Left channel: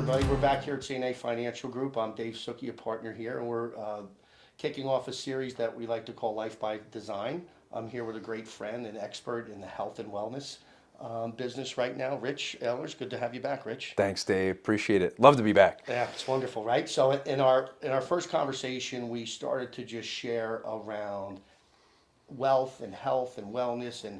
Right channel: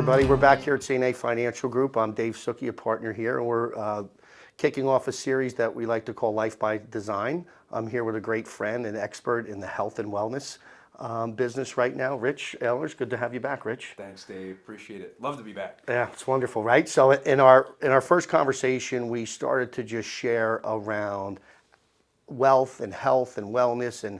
everybody. We're back here at CNA Financial Group. I'm Dave Suckey, a partner here, and we're kicking off a series that we like to call Life by Design. I'm here with a great friend and expert in the health and wellness business right now, Rich Ahlers. Good to have you back, Rich. Thanks, Dave. Appreciate it. Love to be back. Yeah, it's wonderful, right? So in our first conversation, we started to just share around wealth and health and wellness, and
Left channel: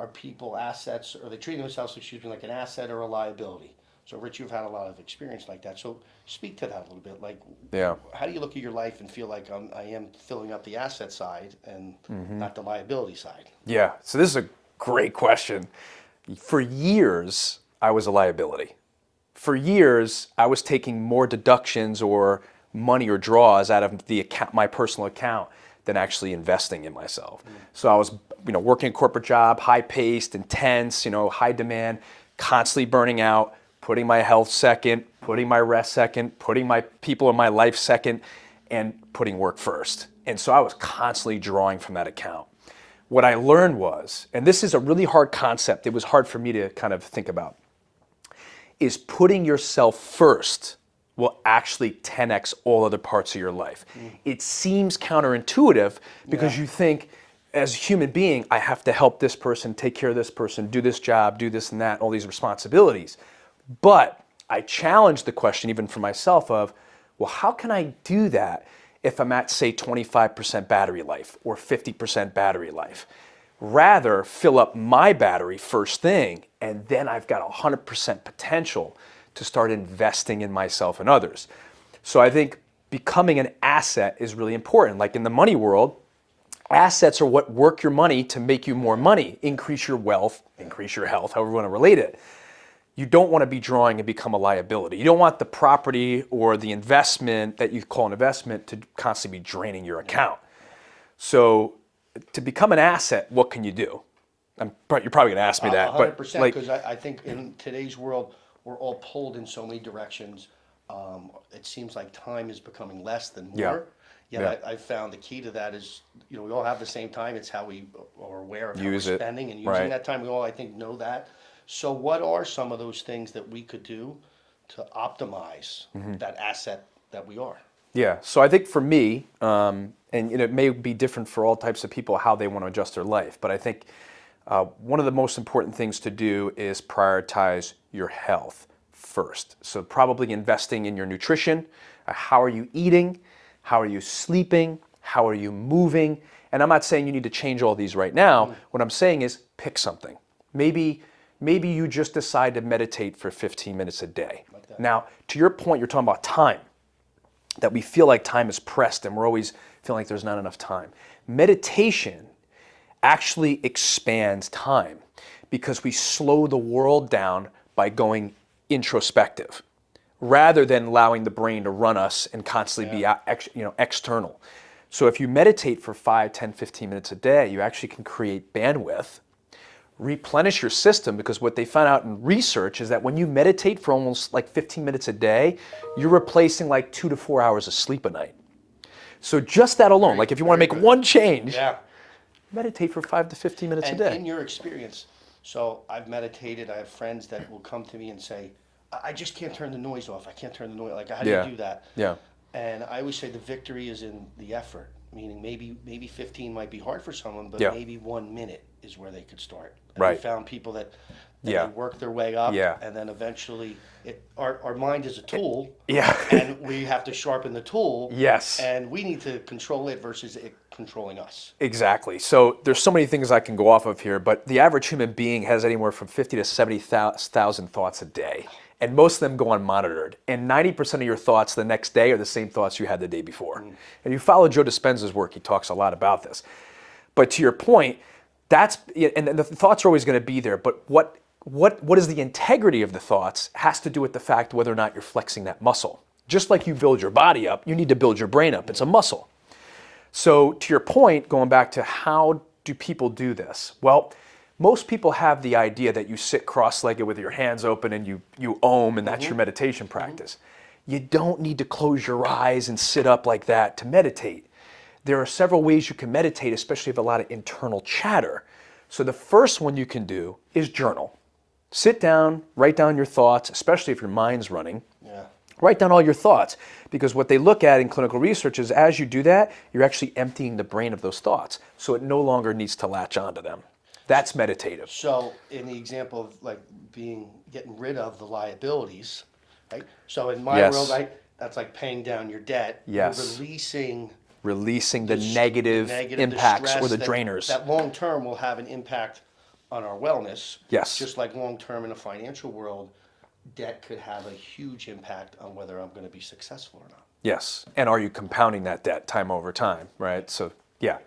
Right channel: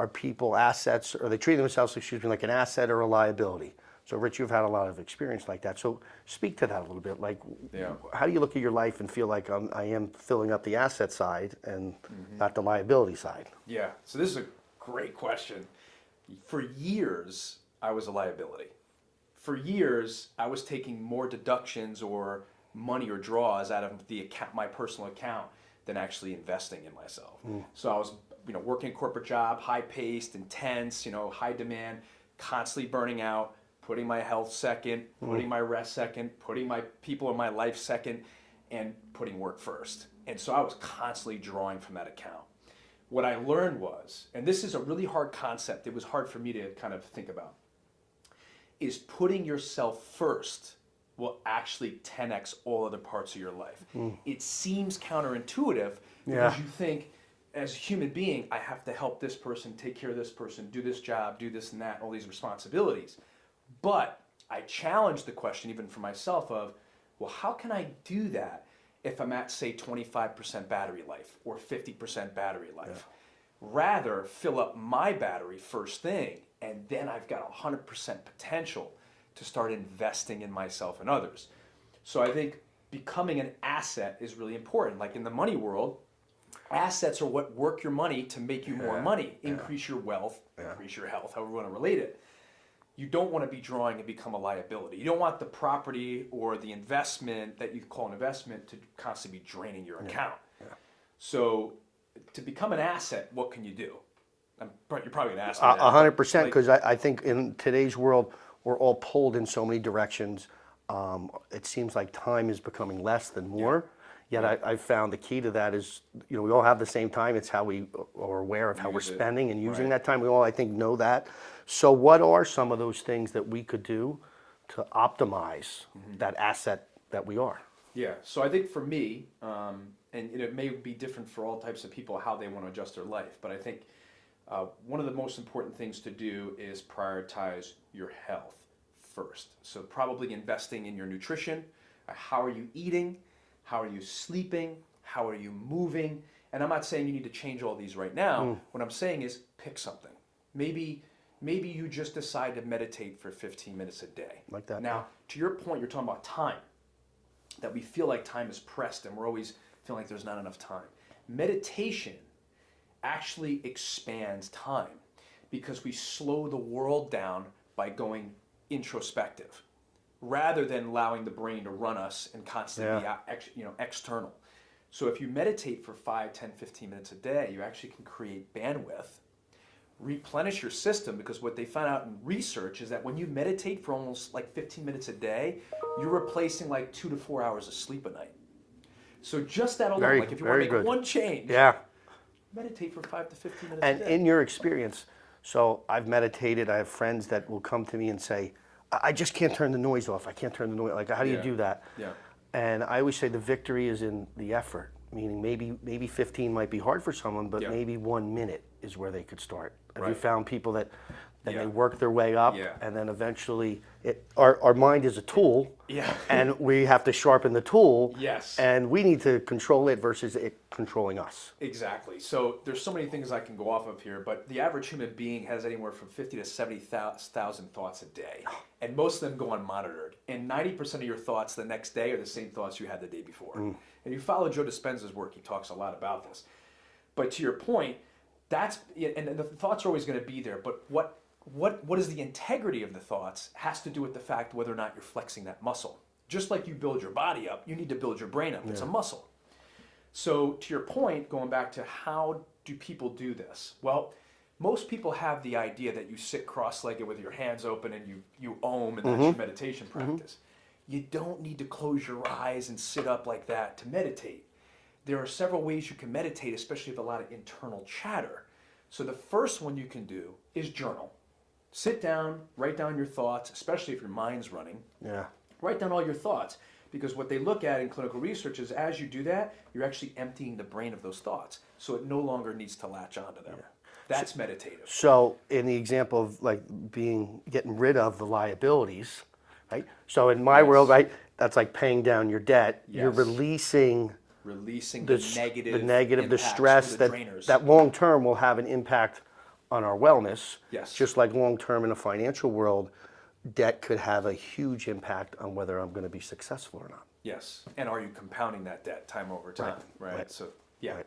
are people assets, or they treat themselves, like an asset or a liability? So Rich, you've had a lot of experience like that. So speak to that a little bit. Like, how do you look at your life and feel like I am filling up the asset side and not the liability side? Yeah, so this is a great question. For years, I was a liability. For years, I was taking more deductions or money or draws out of the account, my personal account, than actually investing in myself. So I was, working a corporate job, high-paced, intense, high demand, constantly burning out, putting my health second, putting my rest second, putting my people in my life second, and putting work first. And so I was constantly drawing from that account. What I learned was, and this is a really hard concept, it was hard for me to kind of think about, is putting yourself first will actually 10x all other parts of your life. It seems counterintuitive because you think, as a human being, I have to help this person, take care of this person, do this job, do this and that, all these responsibilities. But I challenged the question even for myself of, well, how can I do that if I'm at, say, 25% battery life or 50% battery life? Rather fill up my battery first thing, and then I've got 100% potential to start investing in myself and others. So I think becoming an asset is really important. Like in the money world, assets are what work your money to make you more money, increase your wealth, increase your health, however you want to relate it. You don't want to be drawing and become a liability. You don't want the property or the investment that you call an investment to constantly be draining your account. So to become an asset, what can you do? You're probably going to ask me that. 100%, because I think in today's world, we're all pulled in so many directions. It seems like time is becoming less than more. I found the key to that is, we all have the same time. It's how we are aware of how we're spending and using that time. We all, I think, know that. So what are some of those things that we could do to optimize that asset that we are? Yeah, so I think for me, and it may be different for all types of people how they want to adjust their life, but I think one of the most important things to do is prioritize your health first. So probably investing in your nutrition. How are you eating? How are you sleeping? How are you moving? And I'm not saying you need to change all these right now. What I'm saying is pick something. Maybe you just decide to meditate for 15 minutes a day. Like that. Now, to your point, you're talking about time, that we feel like time is pressed and we're always feeling like there's not enough time. Meditation actually expands time because we slow the world down by going introspective rather than allowing the brain to run us and constantly be external. So if you meditate for 5, 10, 15 minutes a day, you actually can create bandwidth, replenish your system, because what they found out in research is that when you meditate for almost like 15 minutes a day, you're replacing like 2 to 4 hours of sleep a night. So just that alone, if you want to make one change, meditate for 5 to 15 minutes a day. In your experience, so I've meditated, I have friends that will come to me and say, I just can't turn the noise off. I can't turn the noise. Like, how do you do that? Yeah. And I always say the victory is in the effort, meaning maybe 15 might be hard for someone, but maybe 1 minute is where they could start. And I found people that they work their way up, and then eventually our mind is a tool, and we have to sharpen the tool, and we need to control it versus it controlling us. Exactly. So there's so many things I can go off of here, but the average human being has anywhere from 50 to 70,000 thoughts a day. And most of them go unmonitored. And 90% of your thoughts the next day are the same thoughts you had the day before. And you follow Joe Dispenza's work, he talks a lot about this. But to your point, and the thoughts are always going to be there, but what is the integrity of the thoughts has to do with the fact whether or not you're flexing that muscle. Just like you build your body up, you need to build your brain up. It's a muscle. So to your point, going back to how do people do this? Well, most people have the idea that you sit cross-legged with your hands open and you om, and that's your meditation practice. You don't need to close your eyes and sit up like that to meditate. There are several ways you can meditate, especially if you have a lot of internal chatter. So the first one you can do is journal. Sit down, write down your thoughts, especially if your mind's running. Yeah. Write down all your thoughts, because what they look at in clinical research is as you do that, you're actually emptying the brain of those thoughts, so it no longer needs to latch onto them. That's meditative. So in the example of like getting rid of the liabilities, right? So in my Yes. world, right, that's like paying down your debt. Yes. You're releasing The negative impacts stress or the that, drainers. that long term will have an impact on our wellness. Yes. Just like long term in the financial world, debt could have a huge impact on whether I'm going to be successful or not. Yes. And are you compounding that debt time over time, right? So, yeah.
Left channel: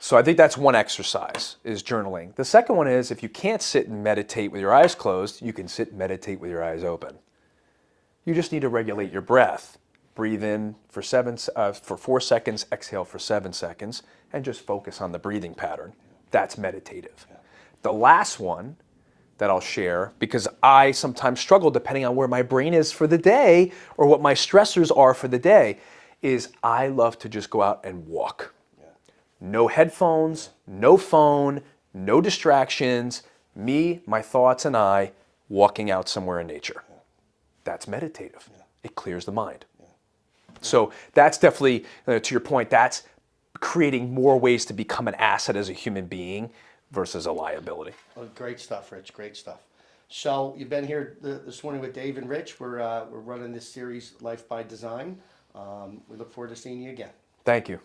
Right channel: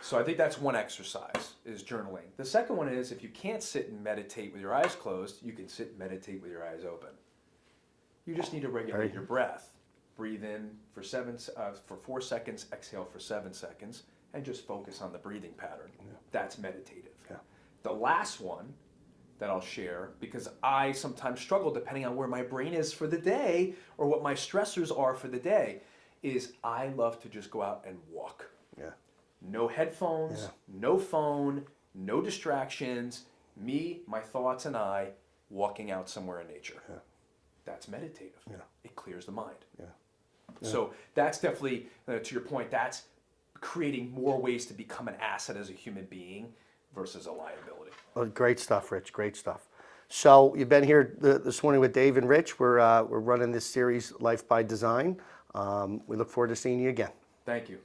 So I think that's one exercise, is journaling. The second one is, if you can't sit and meditate with your eyes closed, you can sit and meditate with your eyes open. You just need to regulate your breath. Breathe in for 4 seconds, exhale for 7 seconds, and just focus on the breathing pattern. That's meditative. Yeah. The last one that I'll share, because I sometimes struggle depending on where my brain is for the day or what my stressors are for the day, is I love to just go out and walk. Yeah. No headphones, no phone, no distractions, me, my thoughts, and I walking out somewhere in nature. That's meditative. It clears the mind. So that's definitely, to your point, that's creating more ways to become an asset as a human being versus a liability. Well, great stuff, Rich. Great stuff. So you've been here this morning with Dave and Rich. We're running this series, Life by Design. We look forward to seeing you again. Thank you.